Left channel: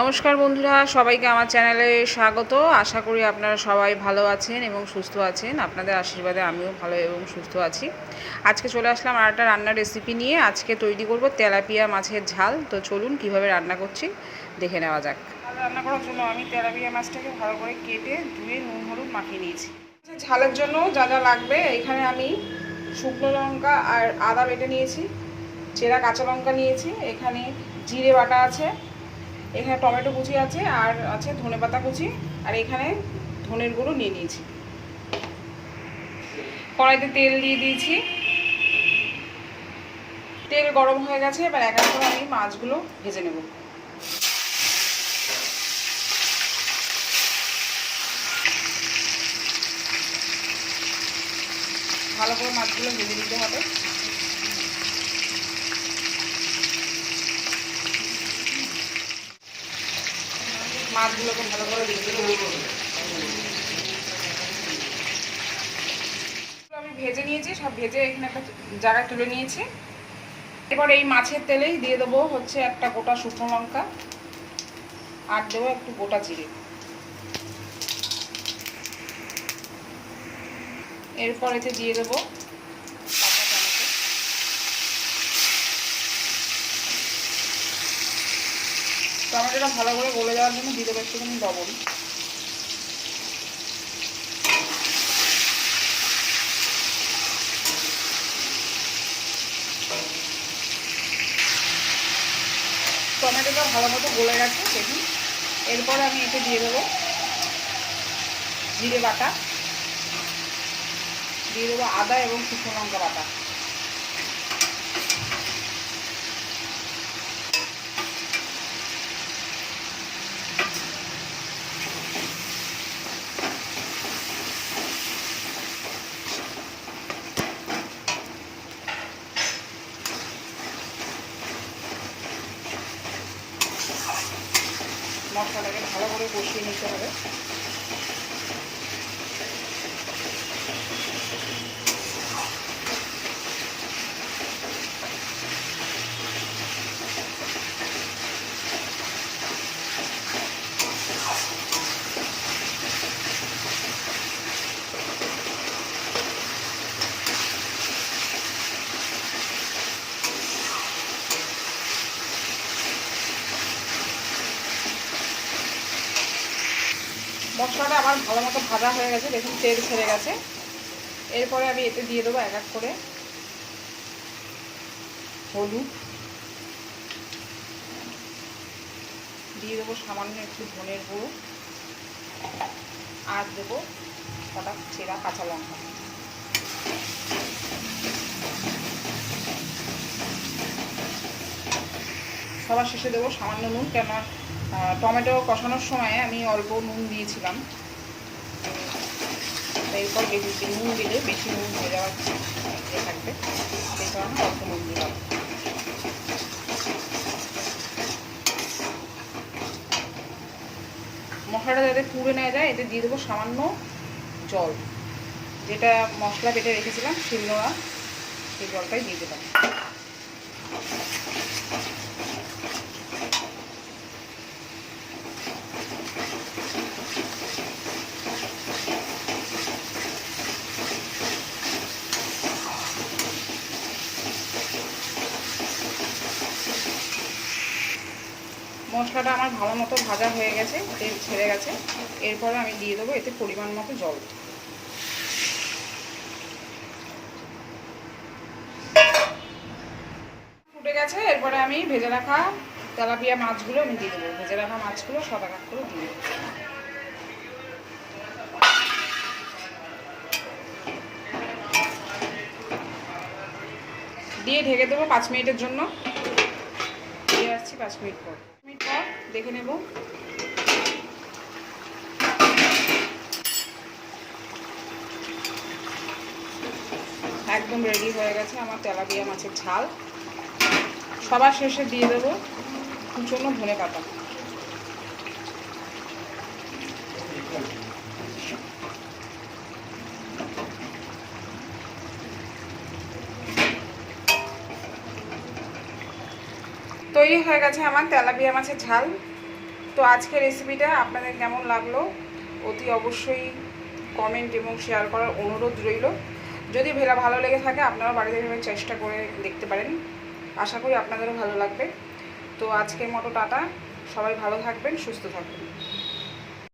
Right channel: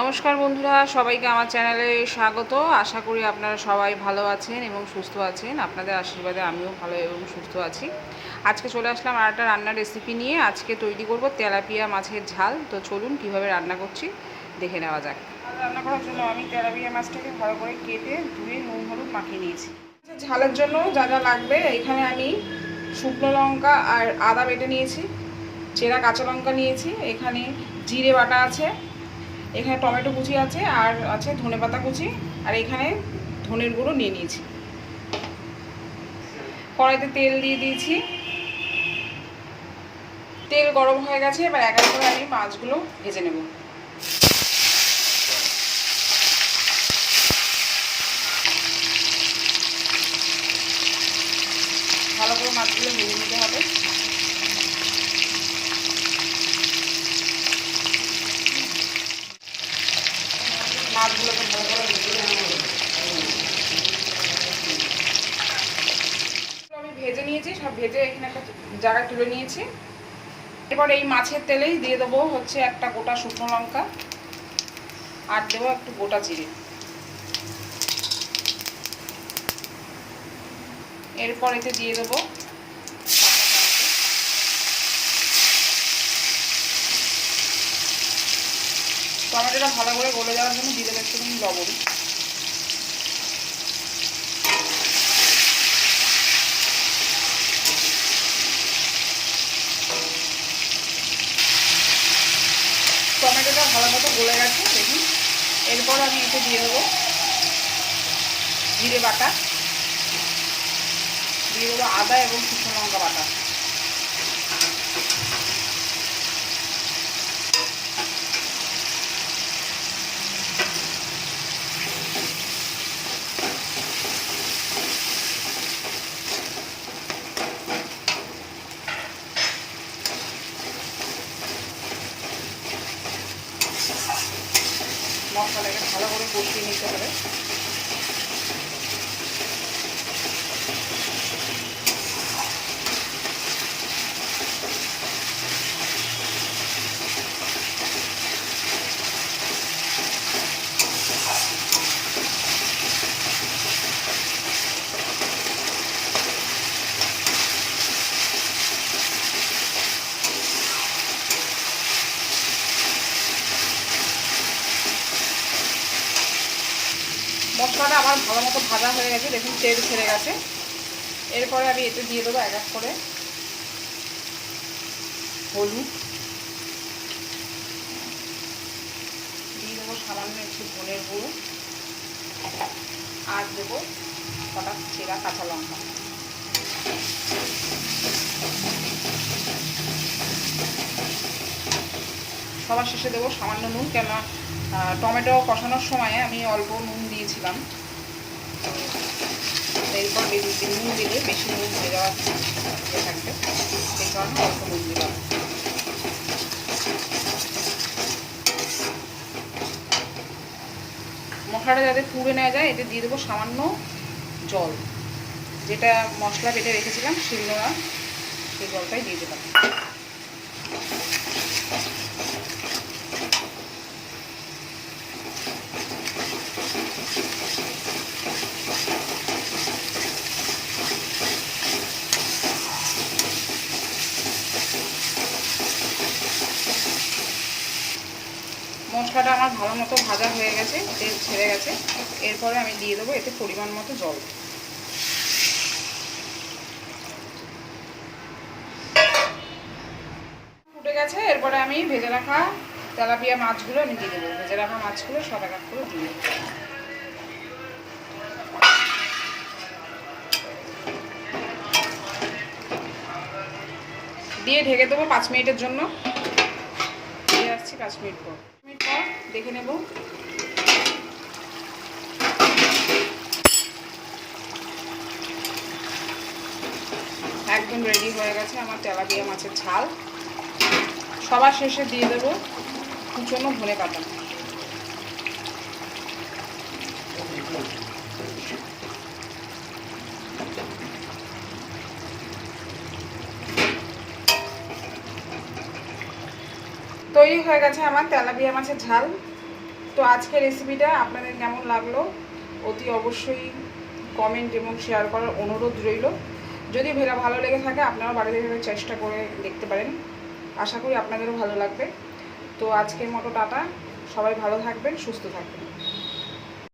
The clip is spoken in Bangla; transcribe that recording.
নমস্কার বন্ধুরা, সবাইকে আমার চ্যানেলে স্বাগত। আশা করি আপনারা সবাই ভালো আছেন এবং সুস্থ আছেন। আপনাদের আশীর্বাদে আমিও ভালো এবং সুস্থ আছি। আজকে চলে আসলাম আর একটা রান্নার রেসিপি নিয়ে। আজকে তৈরি করব তেলাপিয়া মাছের ঝাল। তো চলুন কীভাবে রান্না করছি দেখে নেওয়া যাক। রান্না করার জন্য আমি তেলাপিয়া মাছটাকে ভালো করে কেটে ধুয়ে নুন হলুদ মাখিয়ে নিয়েছি। ঝালের জন্য যা যা লাগবে, এখানে আমি শুকনো লঙ্কা আর আদা বেটে নিয়েছি, চেরা কাঁচা লঙ্কা নিয়েছি, এখানে জিরে বাটা আছে, এখানে টমেটো কুচি আছে, আর আছে ধনেপাতা কুচি, আর এখানে ধনের গুঁড়ো নিয়ে নিয়েছি। কড়াইতে তেল দিয়ে দিয়েছি, তেল গরম হয়ে গেছে। এবার এক এক করে আমি মাছগুলো ভেজে নেব। ভালো করে মাছগুলো ভেজে নিতে হবে। মাছগুলোকে ভালো করে ভেজে নেব। আমি ভেজে নিয়েছি, সব ভেজে এখানে একটা জায়গায় তুলে নিয়েছি। এবার এই মাছের তেলেই দিয়ে দেবো হচ্ছে একটা গোটা শুকনো লঙ্কা, আর দেবো একটু গোটা জিরে। এরপর এতে দিয়ে দেবো টমেটোটা ভালো করে গলে যাওয়ার জন্য দিয়ে দেবো একটুখানি লবণ। টমেটোটা ভালো মতো গলে গেছে দেখুন। এরপর আমি এতে দিয়ে দেবো জিরে বাটা, দিয়ে দেবো আদা এবং শুকনো লঙ্কা বাটা। মশলাটাকে ভালো করে কষিয়ে নিতে হবে। মশলাটা আমার ভালো মতো ভাজা হয়ে গেছে দেখুন, তেল ছেড়ে গেছে। এরপরে আমি এতে দিয়ে দেবো এক এক করে হলুদ, দিয়ে দেবো সামান্য একটু ধনের গুঁড়ো, আর দেবো কটা চেরা কাঁচা লঙ্কা। সবার শেষে দেবো সামান্য নুন, কেননা টমেটো কষানোর সময় আমি অল্প নুন দিয়েছিলাম। এরপর বেশি নুন দিলে বেশি নুন হয়ে যাওয়ার থাকবে, সেই কারণে অল্প নুন দিলাম। মশলাটা যাতে পুড়ে নেওয়া যায়, এতে দিয়ে দেবো সামান্য জল, যেটা মশলা বেটে রেখেছিলাম শিলনোড়া, সেই জলটাই দিয়ে দিলাম। মশলাটা আমার ভালো মতো ভাজা হয়ে গেছে, তেল ছেড়ে গেছে। এরপরে আমি দিয়ে দেবো এতে পরিমাণ মতো জল। ফুটে গেছে, এরপরে আমি ভেজে রাখা তেলাপিয়া মাছগুলো আমি দিয়ে দেবো। ভেজে রাখা মাছগুলো সব এক এক করে দিয়ে দেবো। দিয়ে ঢেকে দেবো 5 মিনিটের জন্য। দিয়ে আসছি 5 মিনিট পর। দেখে নেব। একদম রেডি হয়ে গেছে আমার তেলাপিয়া মাছের ঝাল। সবার শেষে দিয়ে দেবো কুচনো ধনেপাতা। তৈরি হয়ে গেছে আমার তেলাপিয়া মাছের ঝাল। তো আজকের রেসিপিটা আপনাদের কেমন লাগলো অতি অবশ্যই কমেন্ট এবং শেয়ার করার অনুরোধ রইল। যদি ভালো লেগে থাকে আপনারা বাড়িতে এভাবে চেষ্টা করে দেখতে পারেন, আশা করি আপনাদেরও ভালো লাগবে। তো আজকের মতো টাটা, সবাই ভালো থাকবেন, সুস্থ থাকবেন।